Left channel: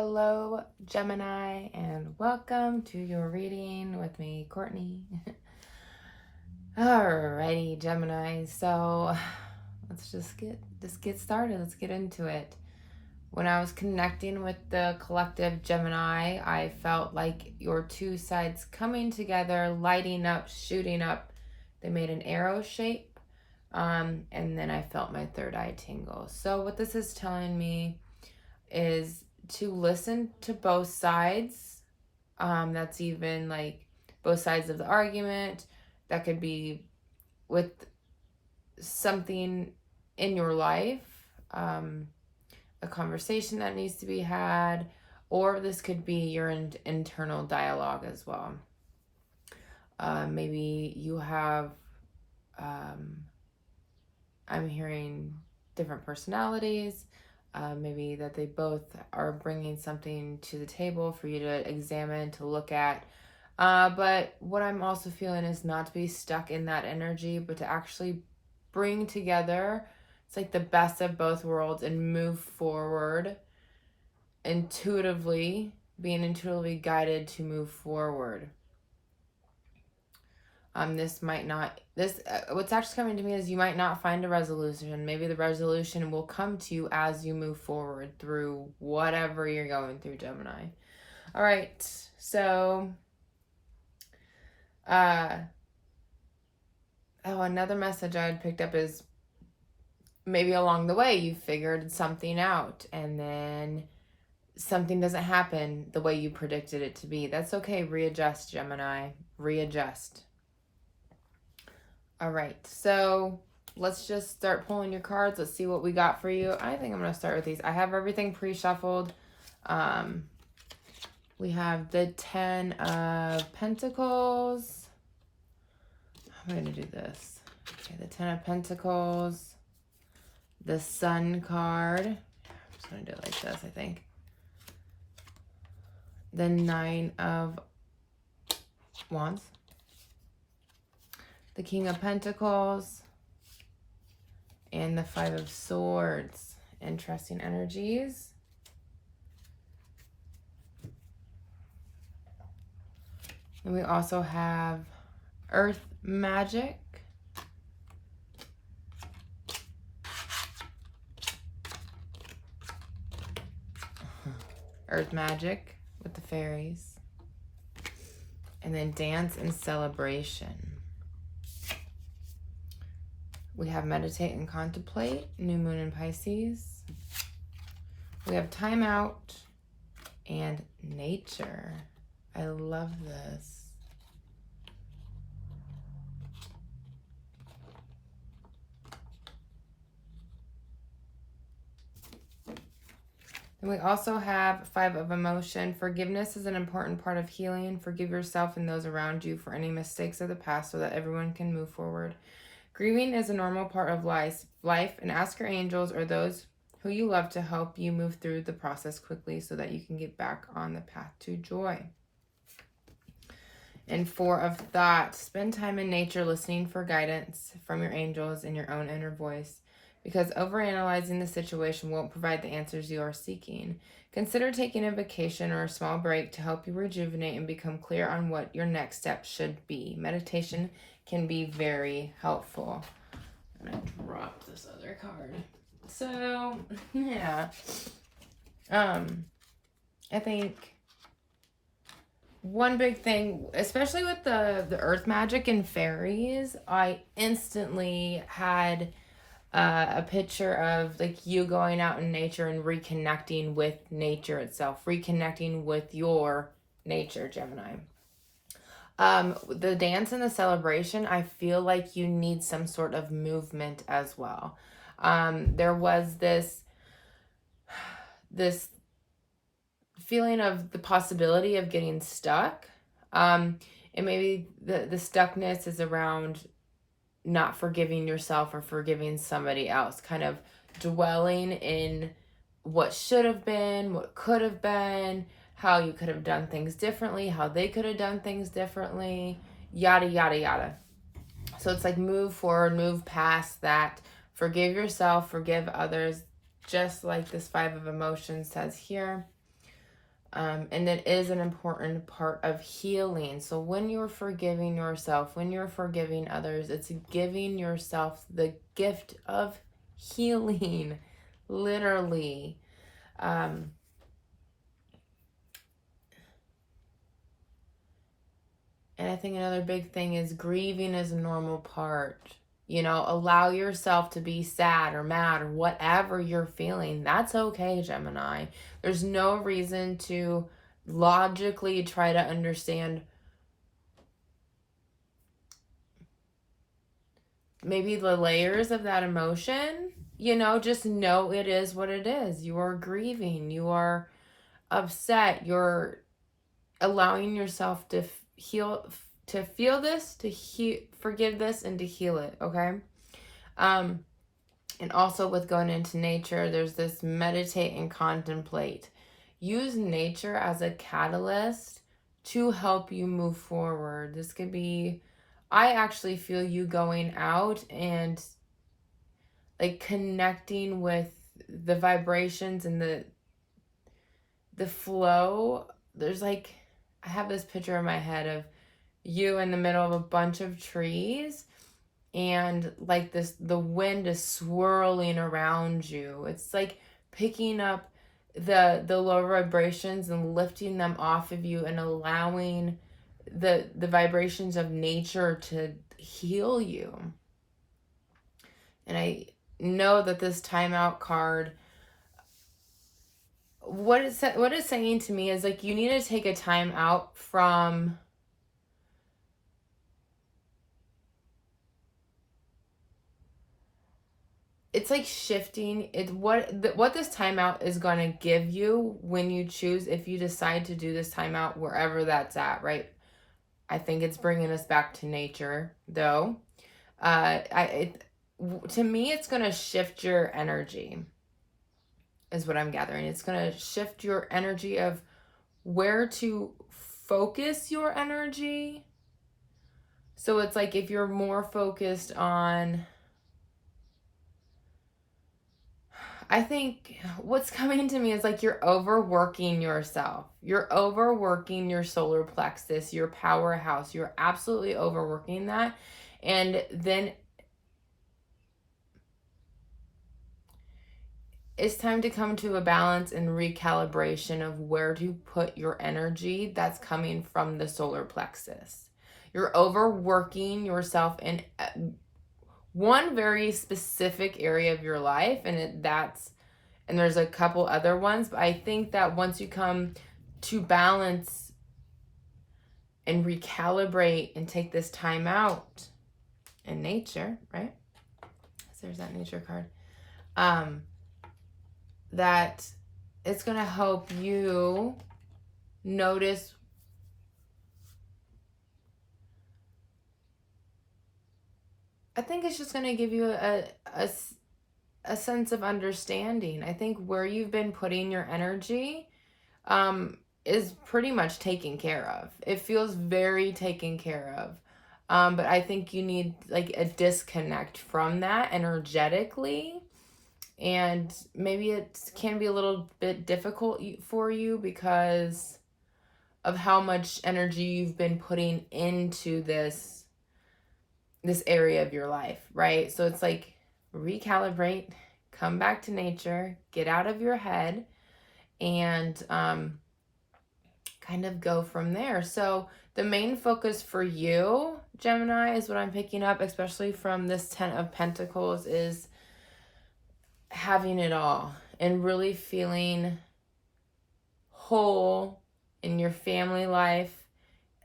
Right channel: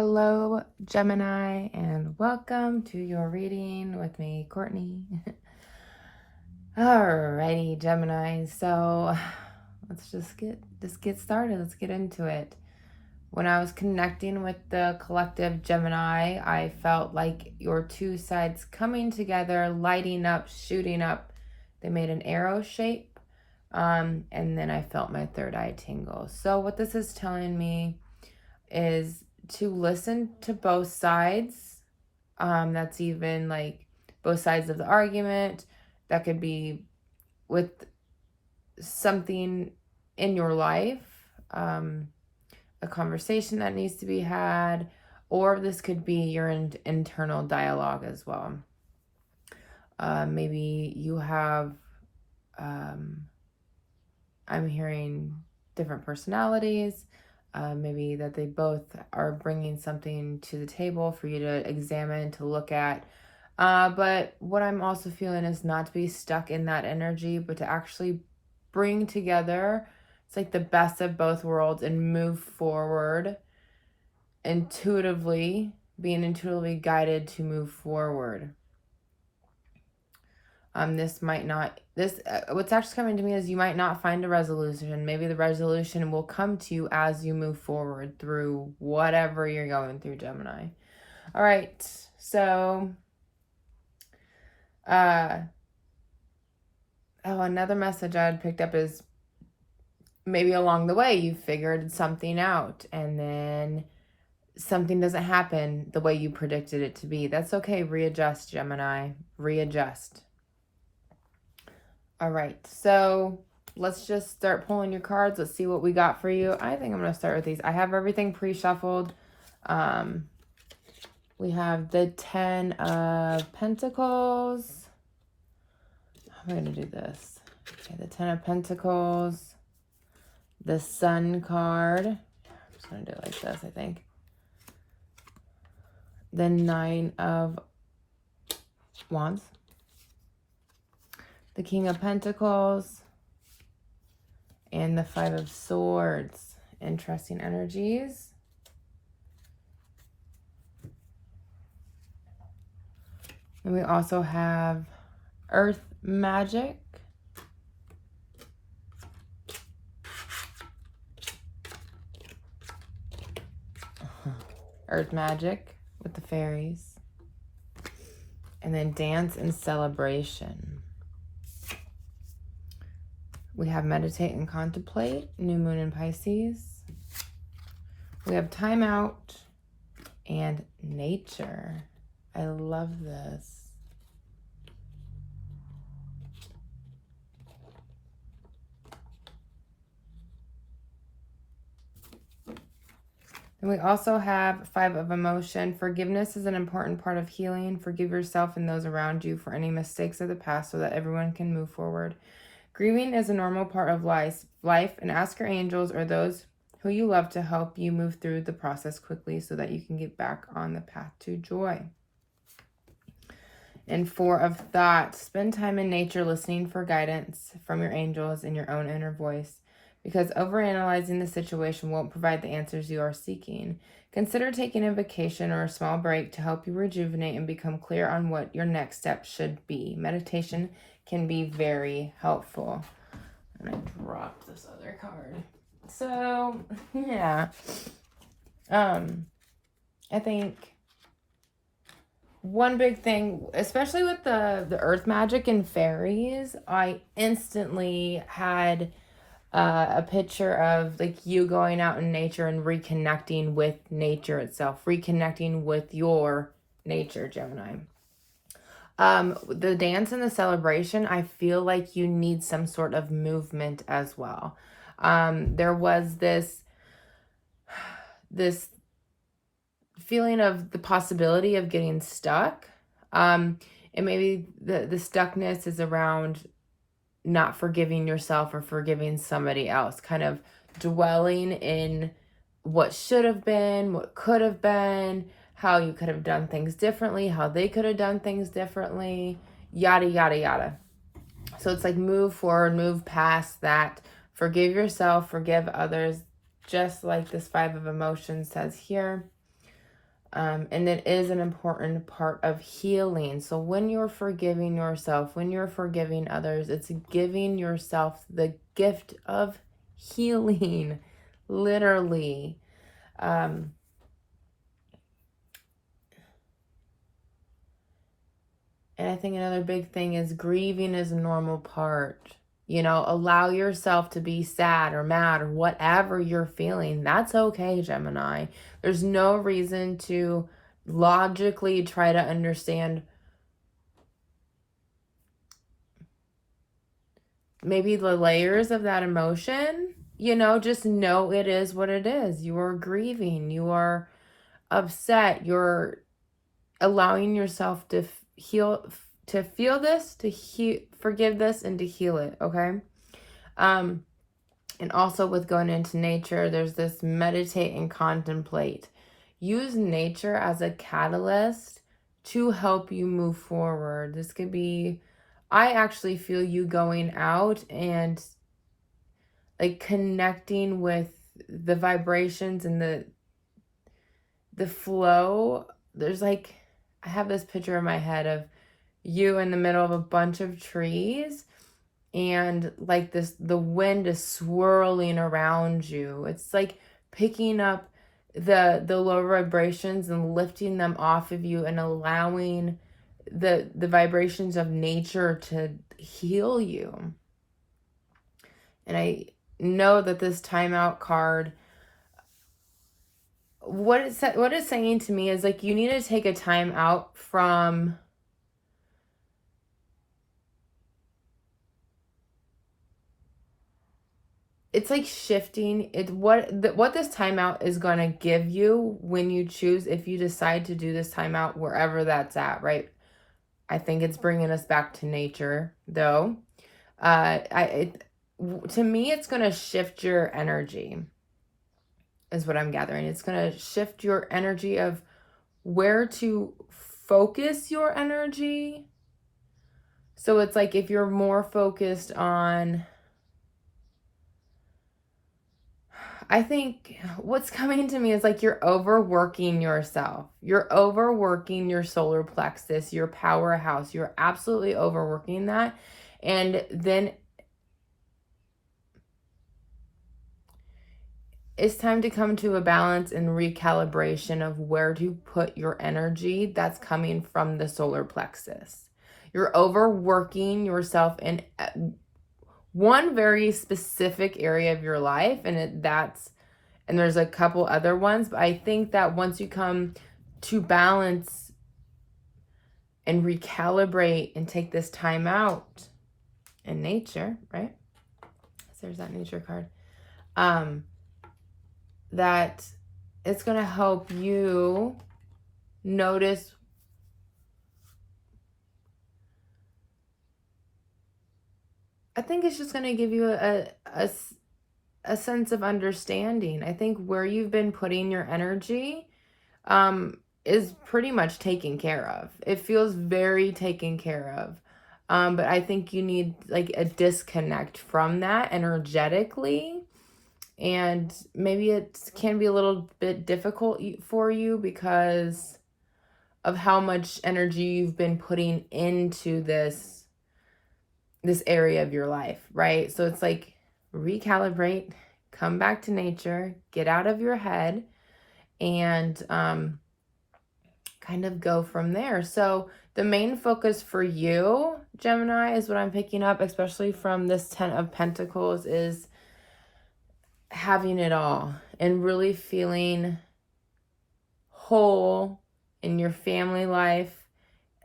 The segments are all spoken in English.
Hello, Gemini, and welcome to your reading with me, Courtney. Alrighty, Gemini. So let's just get started. Let's get into it. When I was connecting with the collective Gemini, I felt like your two sides coming together, lighting up, shooting up. They made an arrow shape, and then I felt my third eye tingle. So what this is telling me is to listen to both sides. That's even like both sides of the argument. That could be with something in your life, a conversation that needs to be had, or this could be your internal dialogue as well. Maybe you have, I'm hearing different personalities. Maybe that they both are bringing something to the table for you to examine, to look at. But what I'm also feeling is not to be stuck in that energy, but to actually bring together, it's like the best of both worlds and move forward intuitively, being intuitively guided to move forward. What's actually coming to me is you might not find a resolution. Maybe the resolution will come to you as you move forward through whatever you're going through, Gemini. All right, so, another message I had picked up is maybe along the way you figured something out and then something doesn't happen the way you predicted it to be. That's okay. Readjust, Gemini. Readjust. All right, so let's just start pulling your cards. Let's see what we got for you. I think I'm going to start with these. I have everything pre-shuffled. We have the 10 of Pentacles. I'm going to do this. Okay, the 10 of Pentacles. The Sun card. I'm just going to do it like this, I think. The 9 of Wands. The King of Pentacles, and the 5 of Swords. Interesting energies. And we also have Earth Magic. Earth Magic with the fairies. And then Dance and Celebration. We have Meditate and Contemplate, New Moon in Pisces. We have Time Out and Nature. I love this. And we also have 5 of Emotion. Forgiveness is an important part of healing. Forgive yourself and those around you for any mistakes of the past so that everyone can move forward. Grieving is a normal part of life, and ask your angels or those who you love to help you move through the process quickly so that you can get back on the path to joy. And 4 of Thought. Spend time in nature listening for guidance from your angels and your own inner voice, because overanalyzing the situation won't provide the answers you are seeking. Consider taking a vacation or a small break to help you rejuvenate and become clear on what your next step should be. Meditation can be very helpful. I'm going to drop this other card. So, yeah. I think one big thing, especially with the Earth Magic and fairies, I instantly had a picture of like you going out in nature and reconnecting with nature itself, reconnecting with your nature, Gemini. The dance and the celebration, I feel like you need some sort of movement as well. There was this feeling of the possibility of getting stuck. And maybe the stuckness is around not forgiving yourself or forgiving somebody else, kind of dwelling in what should have been, what could have been, how you could have done things differently, how they could have done things differently, yada, yada, yada. So it's like move forward, move past that, forgive yourself, forgive others, just like this 5 of Emotions says here. And it is an important part of healing. So when you're forgiving yourself, when you're forgiving others, it's giving yourself the gift of healing, literally. And I think another big thing is grieving is a normal part. You know, allow yourself to be sad or mad or whatever you're feeling. That's okay, Gemini. There's no reason to logically try to understand maybe the layers of that emotion. You know, just know it is what it is. You are grieving, you are upset, you're allowing yourself to heal, to feel this, to forgive this, and to heal it. Okay. And also with going into nature, there's this meditate and contemplate. Use nature as a catalyst to help you move forward. This could be, I actually feel you going out and like connecting with the vibrations and the flow. There's like, I have this picture in my head of you in the middle of a bunch of trees, and like this, the wind is swirling around you. It's like picking up the low vibrations and lifting them off of you and allowing the vibrations of nature to heal you. And I know that this timeout card, what it's saying to me is like, you need to take a time out from it's like shifting it. What this timeout is going to give you when you choose, if you decide to do this timeout wherever that's at, right? I think it's bringing us back to nature, though. To me, it's going to shift your energy, is what I'm gathering. It's going to shift your energy of where to focus your energy. So it's like if you're more focused on, I think what's coming to me is like you're overworking yourself. You're overworking your solar plexus, your powerhouse. You're absolutely overworking that. And then it's time to come to a balance and recalibration of where to put your energy that's coming from the solar plexus. You're overworking yourself in one very specific area of your life, and there's a couple other ones, but I think that once you come to balance and recalibrate and take this time out in nature, right? So there's that nature card. That it's going to help you notice I think it's just going to give you a sense of understanding. I think where you've been putting your energy is pretty much taken care of. It feels very taken care of. But I think you need like a disconnect from that energetically. And maybe it can be a little bit difficult for you because of how much energy you've been putting into this area of your life, right? So it's like recalibrate, come back to nature, get out of your head, and kind of go from there. So the main focus for you, Gemini, is what I'm picking up, especially from this 10 of Pentacles, is having it all and really feeling whole in your family life,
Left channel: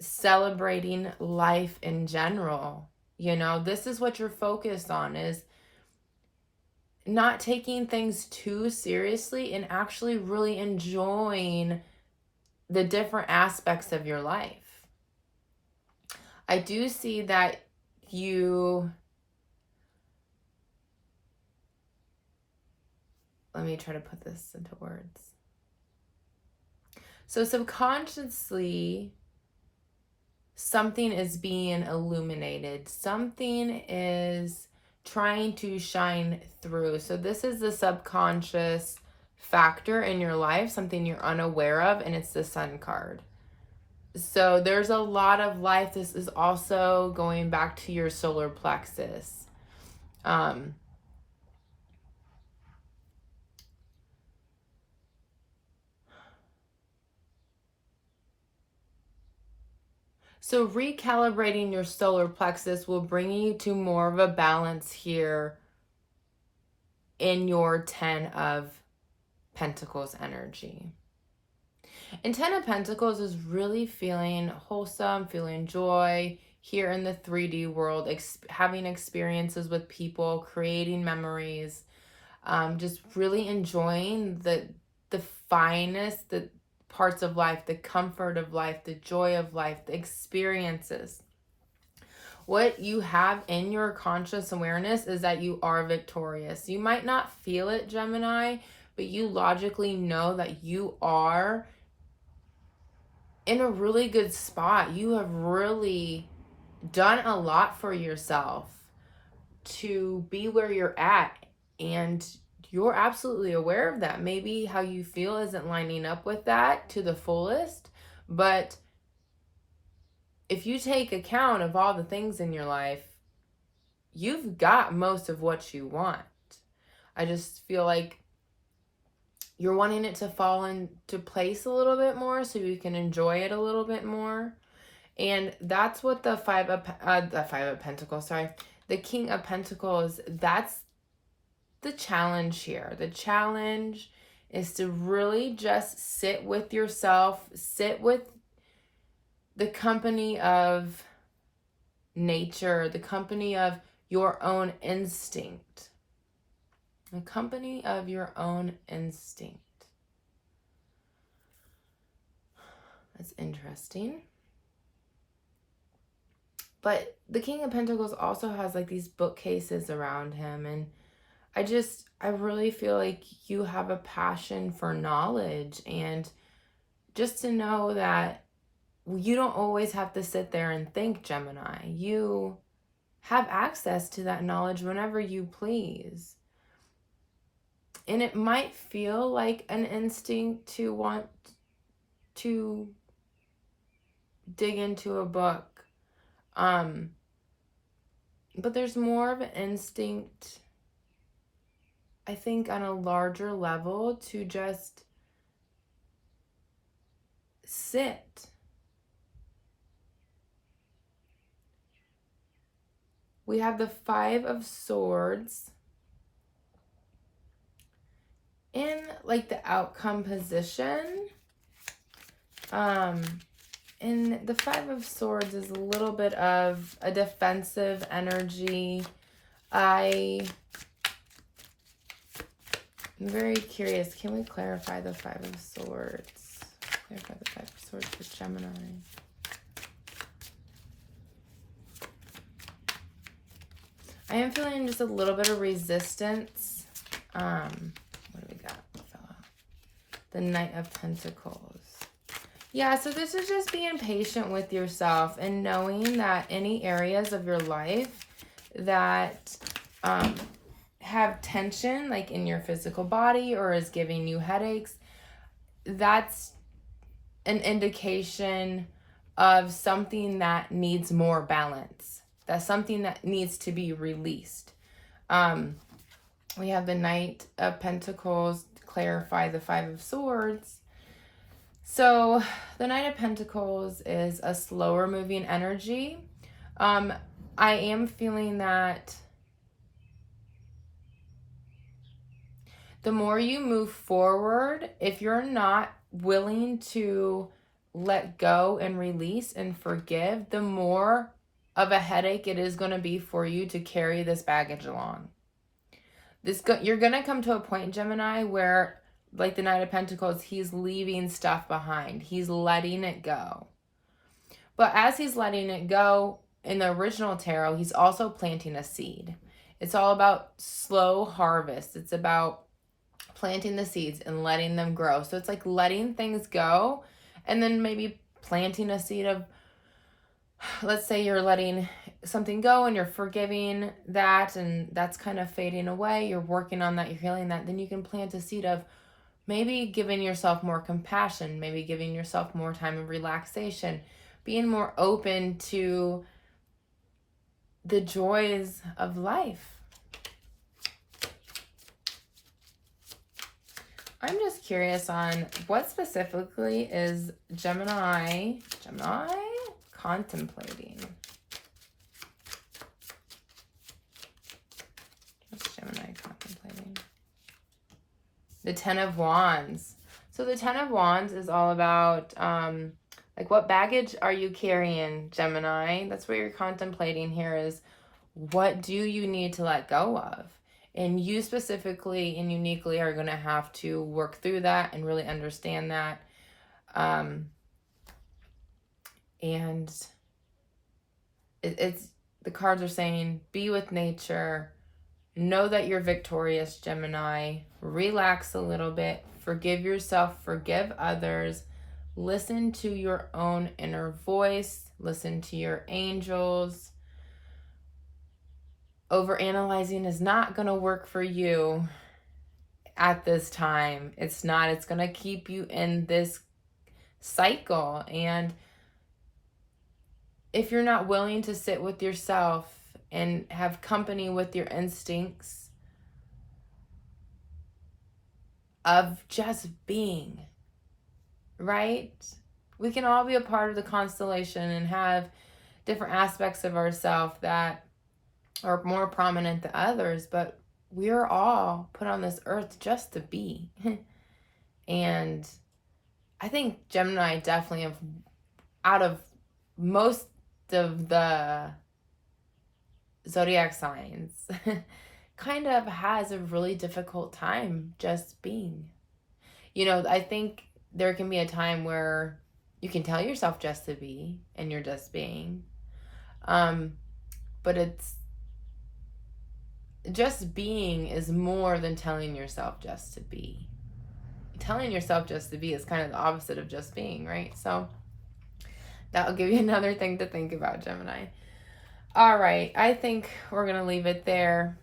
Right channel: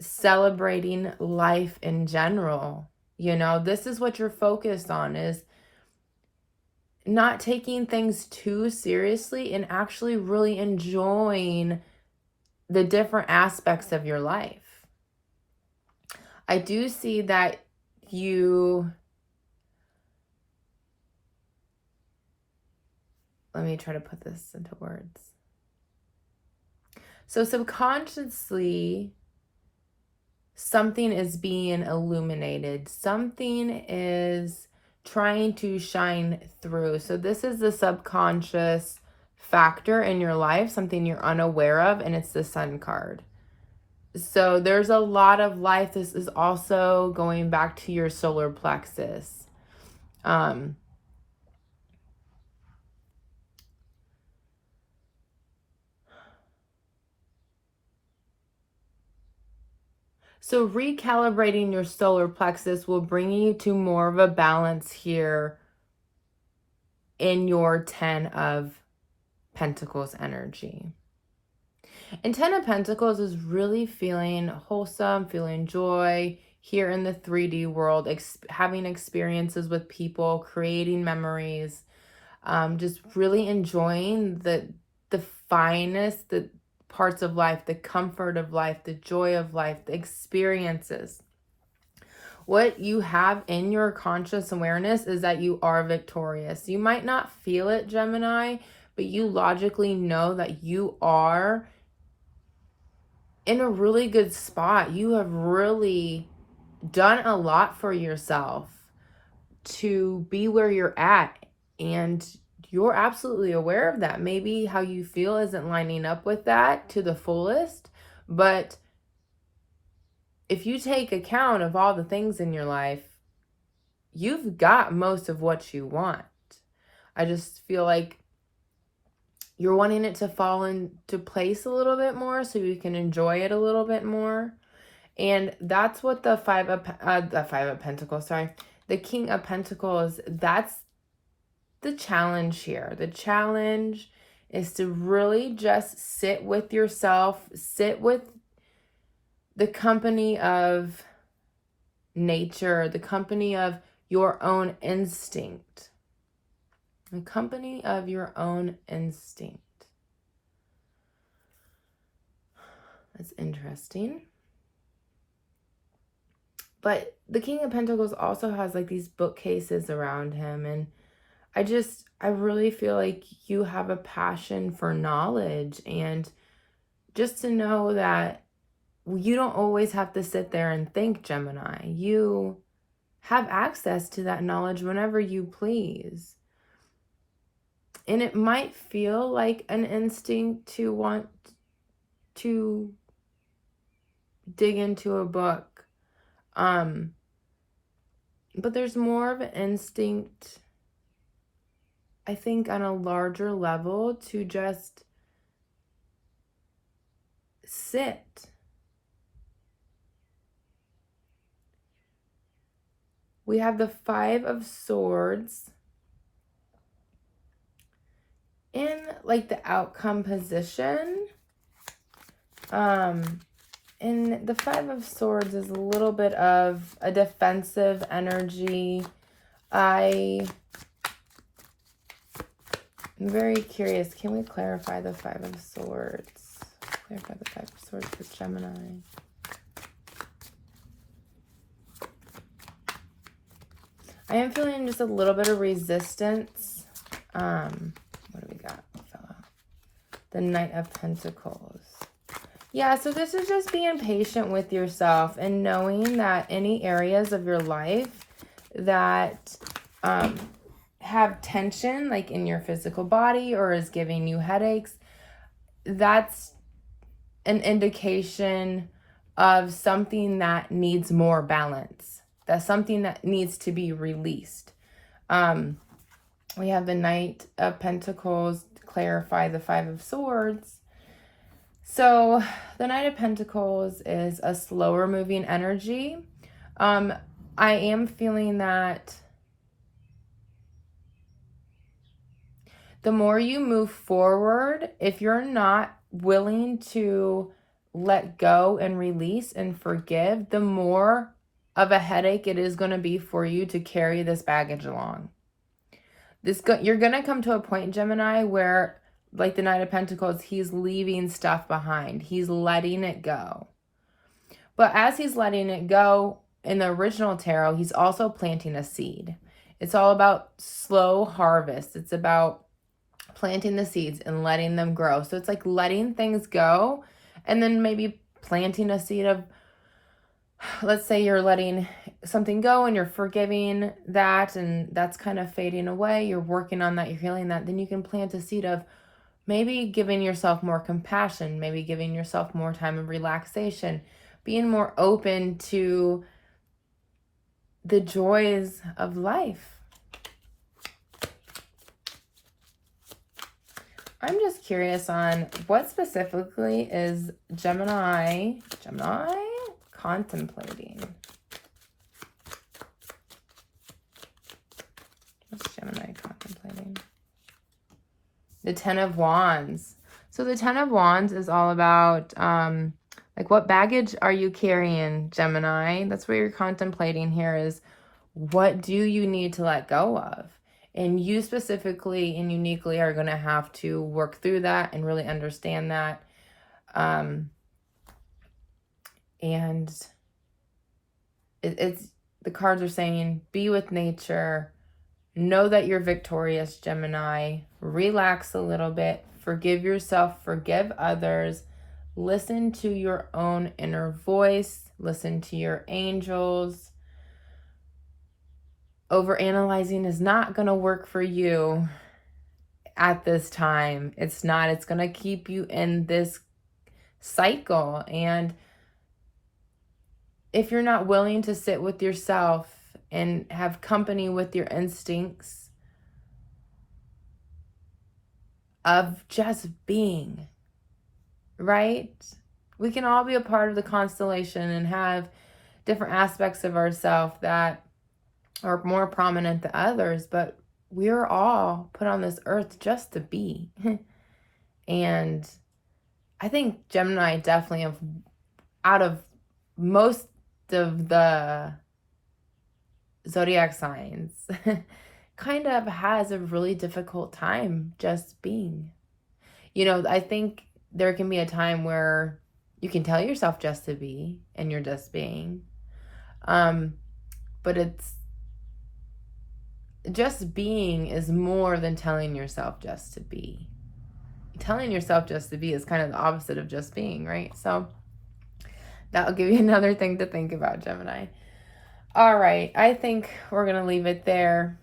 celebrating life in general. You know, this is what you're focused on, is not taking things too seriously and actually really enjoying the different aspects of your life. I do see that let me try to put this into words. So subconsciously, something is being illuminated. Something is trying to shine through. So this is the subconscious factor in your life, something you're unaware of, and it's the Sun card. So there's a lot of life. This is also going back to your solar plexus. So recalibrating your solar plexus will bring you to more of a balance here in your 10 of Pentacles energy. And 10 of Pentacles is really feeling wholesome, feeling joy here in the 3D world, having experiences with people, creating memories, just really enjoying the finest, the parts of life, the comfort of life, the joy of life, the experiences. What you have in your conscious awareness is that you are victorious. You might not feel it, Gemini, but you logically know that you are in a really good spot. You have really done a lot for yourself to be where you're at, and you're absolutely aware of that. Maybe how you feel isn't lining up with that to the fullest, but if you take account of all the things in your life, you've got most of what you want. I just feel like you're wanting it to fall into place a little bit more so you can enjoy it a little bit more. And that's what the Five of Pentacles, the King of Pentacles, that's the challenge here. The challenge is to really just sit with yourself, sit with the company of nature, the company of your own instinct. The company of your own instinct. That's interesting. But the King of Pentacles also has like these bookcases around him, and I really feel like you have a passion for knowledge, and just to know that you don't always have to sit there and think, Gemini. You have access to that knowledge whenever you please. And it might feel like an instinct to want to dig into a book. But there's more of an instinct, I think, on a larger level to just sit. We have the Five of Swords in like the outcome position. And the Five of Swords is a little bit of a defensive energy. I'm very curious. Can we clarify the Five of Swords? Clarify the Five of Swords for Gemini. I am feeling just a little bit of resistance. What do we got? The Knight of Pentacles. Yeah, so this is just being patient with yourself and knowing that any areas of your life that have tension, like in your physical body or is giving you headaches, that's an indication of something that needs more balance. That's something that needs to be released. We have the Knight of Pentacles to clarify the Five of Swords. So the Knight of Pentacles is a slower moving energy. I am feeling that the more you move forward, if you're not willing to let go and release and forgive, the more of a headache it is going to be for you to carry this baggage along. You're going to come to a point, Gemini, where like the Knight of Pentacles, he's leaving stuff behind. He's letting it go. But as he's letting it go, in the original tarot, he's also planting a seed. It's all about slow harvest. It's about planting the seeds and letting them grow. So it's like letting things go and then maybe planting a seed of, let's say you're letting something go and you're forgiving that and that's kind of fading away. You're working on that. You're healing that. Then you can plant a seed of, maybe giving yourself more compassion, maybe giving yourself more time of relaxation, being more open to the joys of life. I'm just curious on what specifically is Gemini contemplating. What's Gemini contemplating? The Ten of Wands. So the Ten of Wands is all about, like, what baggage are you carrying, Gemini? That's what you're contemplating here, is what do you need to let go of? And you specifically and uniquely are going to have to work through that and really understand that. And it's the cards are saying, be with nature. Know that you're victorious, Gemini. Relax a little bit. Forgive yourself. Forgive others. Listen to your own inner voice. Listen to your angels. Overanalyzing is not going to work for you at this time. It's not. It's going to keep you in this cycle. And if you're not willing to sit with yourself and have company with your instincts of just being, right? We can all be a part of the constellation and have different aspects of ourselves that are more prominent than others, but we're all put on this earth just to be. And I think Gemini definitely, out of most of the zodiac signs, kind of has a really difficult time just being. You know, I think there can be a time where you can tell yourself just to be and you're just being. But it's just being is more than telling yourself just to be. Telling yourself just to be is kind of the opposite of just being, right? So that'll give you another thing to think about, Gemini. All right, I think we're going to leave it there.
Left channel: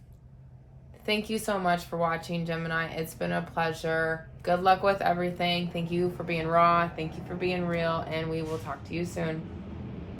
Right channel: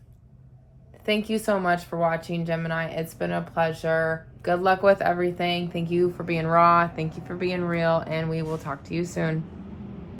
Thank you so much for watching, Gemini. It's been a pleasure. Good luck with everything. Thank you for being raw. Thank you for being real. And we will talk to you soon.